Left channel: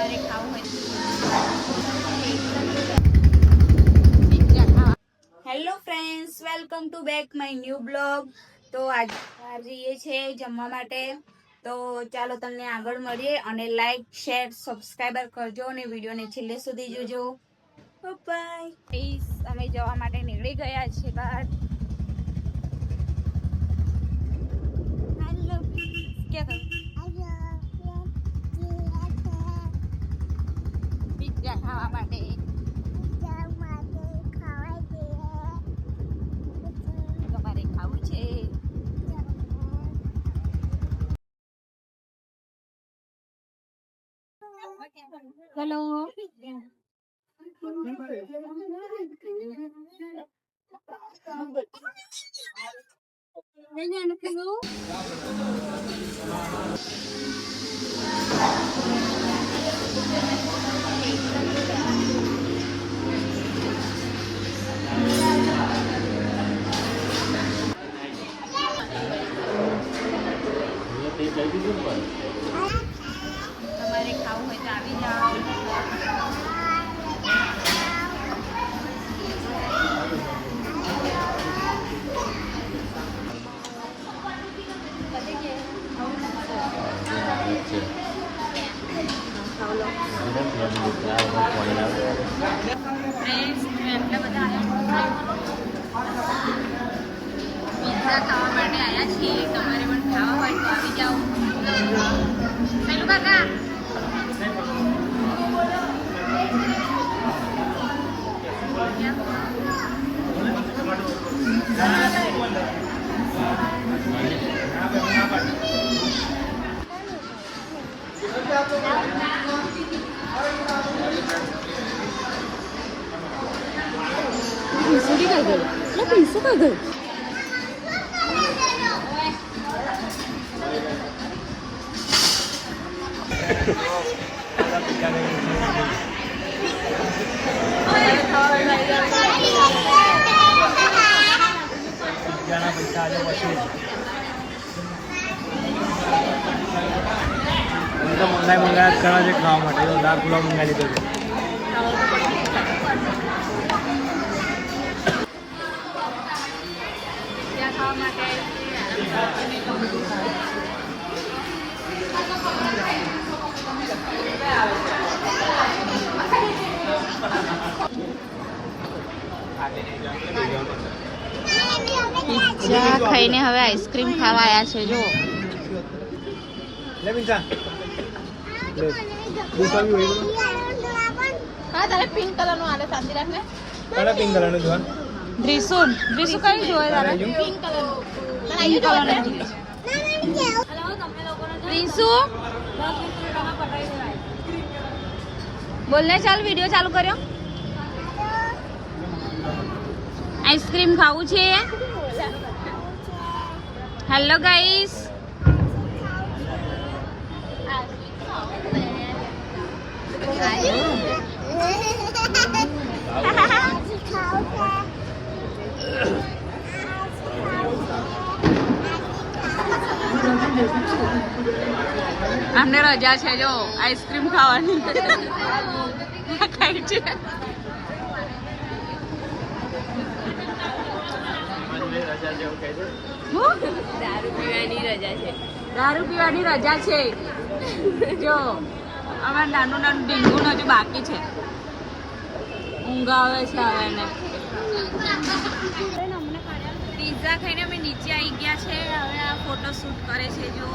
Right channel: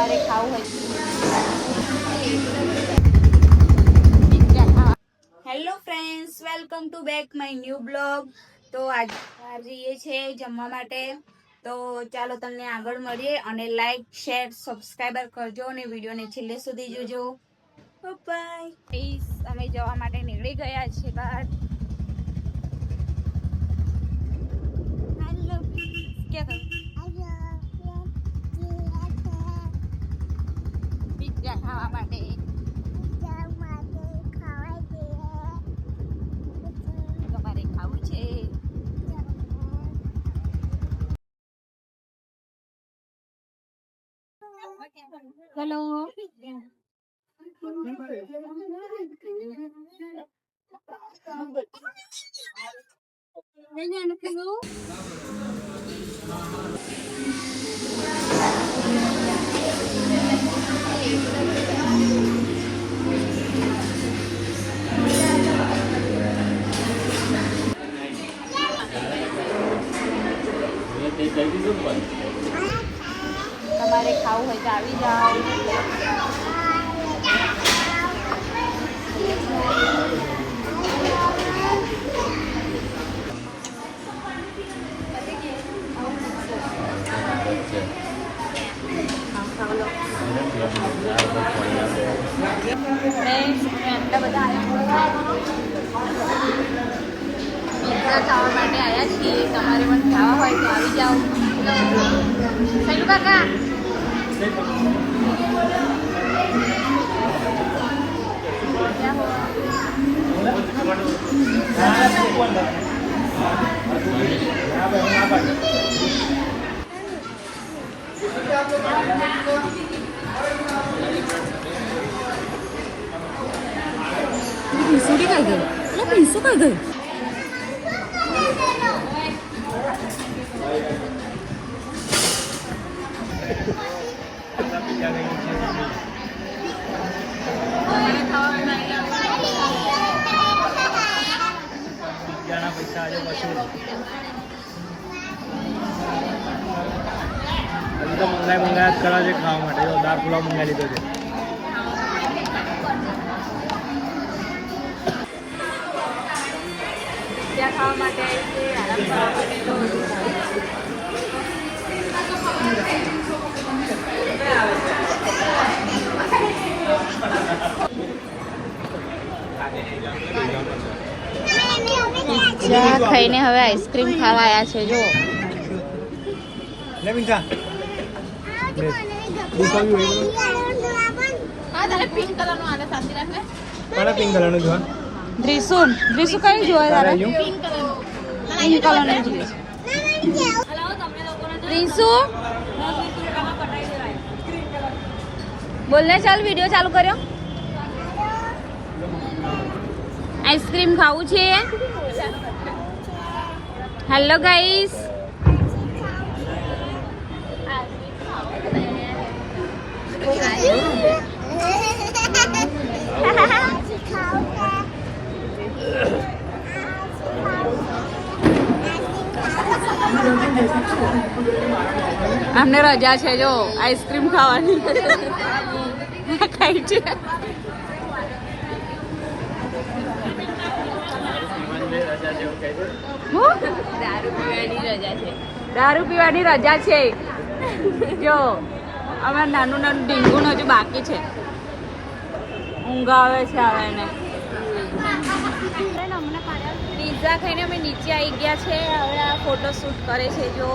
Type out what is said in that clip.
તમારે ખાવું હોય hello friends, welcome to back my new blog. તો આજે જઈએ છીએ જમવા માટે. તો ચાલો તમને આગળ મળીએ અને લાઈક શેર સબસ્ક્રાઈબર કરજો અને વિડીયોને છેલ્લે સુધી જોજો. બાય. અમે જવા માટે નીકળી ગયા છીએ બહાર. હેલો ક્યાં પિઝા ખાવા માટે. તમારે ખાવું છે? હેલો તમારે ખાવું હોય તો આવી જાઓ. આટલા બધા પિઝા ખાવા માટે આવ્યા છીએ. તમારે પણ ખાવા હોય તો આવી જાઓ. હેલો કાકા. પિઝા ખાઈને હવે આઈસ્ક્રીમ ખાવા આવ્યા છે. જો દ્રીસુ કઈ જોયે તારે? પિંક કલર ની દ્રીસુ બોલને. ચાલ વિડીયો ચાલુ કર્યો. આઈસ્ક્રીમ ખાવું છે? Hello guys. અમને રજા છે જો આઈસ્ક્રીમ ખાવાની. ખાઈ છે. દારૂ પીવાની રજા છે. જો અમારે નાનું નાનું ડીંગું હજુ બાકી છે. ઊંઘ આવે છે હવે એને. પિઝા ખાઈને અમે નીચે આવી ગયા છે. હવે આ ફોટો શૂટ કરે છે. જો